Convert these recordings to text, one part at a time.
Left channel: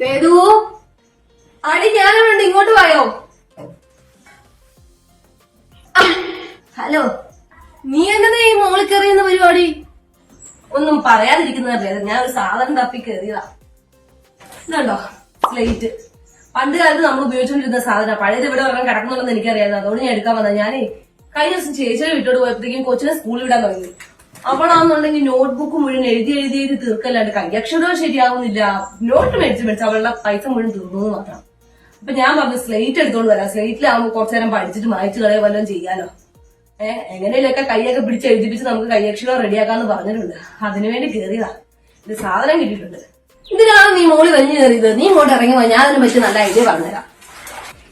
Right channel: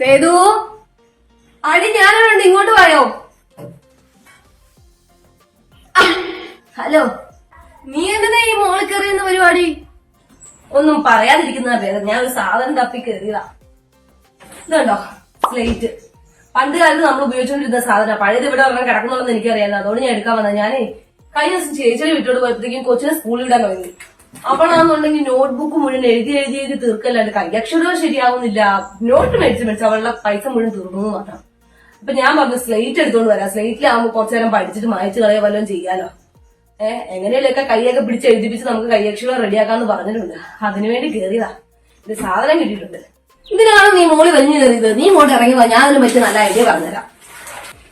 സേതു അടി ഞാനുണ്ട്, ഇങ്ങോട്ട് പോയോ? ഹലോ, നീ എന്താ ഈ മോളിൽ കയറിയുന്ന പരിപാടി? ഒന്നും പറയാതിരിക്കുന്നതല്ലേ, ഞാൻ ഒരു സാധനം തപ്പി കയറിയതാ. ഇതുണ്ടോ സ്ലേറ്റ്? പണ്ട് കാലത്ത് നമ്മൾ ഉപയോഗിച്ചുകൊണ്ടിരുന്ന സാധനം, പഴയത് ഇവിടെ ഒരെണ്ണം കിടക്കുന്നുണ്ടെന്ന് എനിക്കറിയാം. അതുകൊണ്ട് ഞാൻ എടുക്കാൻ വന്നത്. ഞാനേ കഴിഞ്ഞ ദിവസം ചേച്ചിയെ വിട്ടോട് പോയപ്പോഴത്തേക്കും കൊച്ചിനെ സ്കൂളിൽ വിടാൻ തുടങ്ങി. അവളാണെന്നുണ്ടെങ്കിൽ നോട്ട്ബുക്ക് മുഴുവൻ എഴുതി തീർക്കല്ലാണ്ട് കൈയക്ഷരവും ശരിയാവുന്നില്ല. നോട്ട് മേടിച്ച് അവളുടെ പൈസ മുഴുവൻ തീർന്നു മാത്രം. അപ്പൊ ഞാൻ പറഞ്ഞു സ്ലേറ്റ് എടുത്തോണ്ട് വരാം, സ്ലേറ്റിലാവുമ്പോൾ കുറച്ചു നേരം പഠിച്ചിട്ട് മായ്ച്ചു കളയോ വല്ലതും ചെയ്യാലോ. എങ്ങനെയൊക്കെ കൈയൊക്കെ പിടിച്ച് എഴുതിപ്പിച്ച് നമുക്ക് കൈയക്ഷരം റെഡിയാക്കാന്ന് പറഞ്ഞിട്ടുണ്ട്. അതിനുവേണ്ടി കയറിയതാ. ഇത് സാധനം കിട്ടിയിട്ടുണ്ട്. ഇതിനാണ് നീ മോളി വലിഞ്ഞു കയറിയത്. നീ ഇങ്ങോട്ട് ഇറങ്ങുക, ഞാൻ അതിനെ പറ്റി നല്ല ഐഡിയ പറഞ്ഞുതരാം.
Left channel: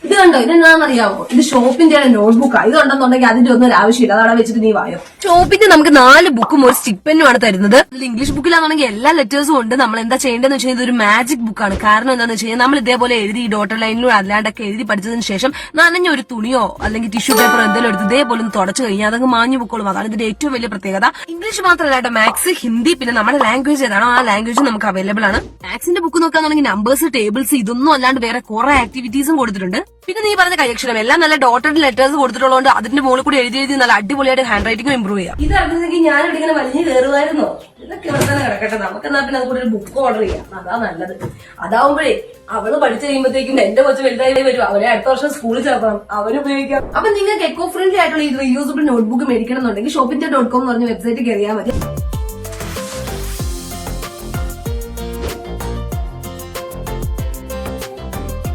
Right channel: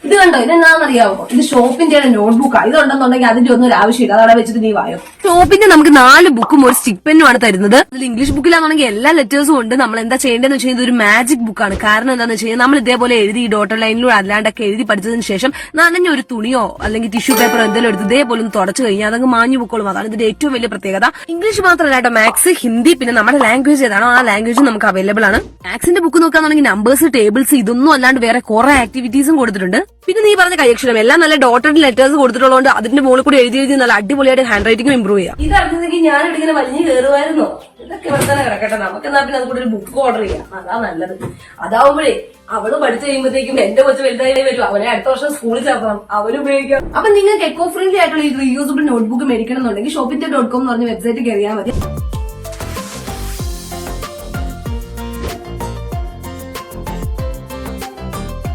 ഇത് കണ്ടോ, ഇതെന്താണെന്നറിയാമോ? ഇത് ഷോപ്പിന്റെ നോട്ട്ബുക്കാണ്. ഇതുണ്ടെന്നുണ്ടെങ്കിൽ അതിന്റെ ഒന്നും ഒരു ആവശ്യമില്ല. അതവിടെ വെച്ചിട്ട് നീ വായോ. ഷോപ്പിന്റെ നമുക്ക് 4 ബുക്കും ഒരു സ്റ്റിക് പെന്നും ആണ് തരുന്നത്. ഇതിൽ ഇംഗ്ലീഷ് ബുക്കിലാണെങ്കിൽ എല്ലാ ലെറ്റേഴ്സും ഉണ്ട്. നമ്മൾ എന്താ ചെയ്യേണ്ടതെന്ന് വെച്ചാൽ ഇതൊരു മാജിക് ബുക്കാണ്. കാരണം എന്താണെന്ന് വെച്ചാൽ നമ്മൾ ഇതേപോലെ എഴുതി ഡോട്ടർ ലൈനിലൂടെ അല്ലാണ്ടൊക്കെ എഴുതി പഠിച്ചതിന് ശേഷം നനഞ്ഞ ഒരു തുണിയോ അല്ലെങ്കിൽ ടിഷ്യൂ പേപ്പറോ എന്തെങ്കിലും എടുത്ത് ഇതേപോലെ ഒന്ന് തുടച്ചു കഴിഞ്ഞാൽ അതങ്ങ് മാഞ്ഞു പൊക്കോളും. അതാണ് ഇതിന്റെ ഏറ്റവും വലിയ പ്രത്യേകത. ഇംഗ്ലീഷ് മാത്രമല്ല കേട്ടോ, മാത്സ്, ഹിന്ദി, പിന്നെ നമ്മുടെ ലാംഗ്വേജ് ഏതാണോ ആ ലാംഗ്വേജ് നമുക്ക് അവൈലബിൾ ആണ്. മാത്സിന്റെ ബുക്ക് നോക്കുകയാണെങ്കിൽ നമ്പേഴ്സ്, ടേബിൾസ് ഇതൊന്നും അല്ലാണ്ട് വേറെ കുറെ ആക്ടിവിറ്റീസും കൊടുത്തിട്ടുണ്ട്. പിന്നെ നീ പറഞ്ഞ കൈയക്ഷരം എല്ലാം നല്ല ഡോട്ടഡ് ലെറ്റേഴ്സ് കൊടുത്തിട്ടുള്ളതുകൊണ്ട് അതിന്റെ മുകളിൽ കൂടി എഴുതി നല്ല അടിപൊളിയായിട്ട് ഹാൻഡ് റൈറ്റിംഗ് ഇമ്പ്രൂവ് ചെയ്യാം. ഇതറിഞ്ഞെങ്കിൽ ഞാനിവിടെ ഇങ്ങനെ വലിഞ്ഞു കയറുമായിരുന്നോ? ഇതൊക്കെ ഇവിടെ തന്നെ കിടക്കട്ടെ. നമുക്ക് എന്നാ പിന്നെ അതുകൂടെ ഒരു ബുക്ക് ഓർഡർ ചെയ്യാം. അതാ നല്ലത്. അതാവുമ്പോഴേ അവള് പഠിച്ചു കഴിയുമ്പോഴത്തേക്കും എന്റെ കൊച്ചു വലുതായി വരും. അവനെ അടുത്ത വർഷം സ്കൂളിൽ ചേർക്കണം, അവന് ഉപയോഗിക്കാം. അപ്പൊ നിങ്ങൾക്ക് എക്കോ ഫ്രണ്ട്ലി ആയിട്ടുള്ള ഈ റീയൂസബിൾ നോട്ട്ബുക്ക് മേടിക്കണം എന്നുണ്ടെങ്കിൽ shopindia.com എന്ന് പറഞ്ഞ വെബ്സൈറ്റ് കയറിയാൽ മതി.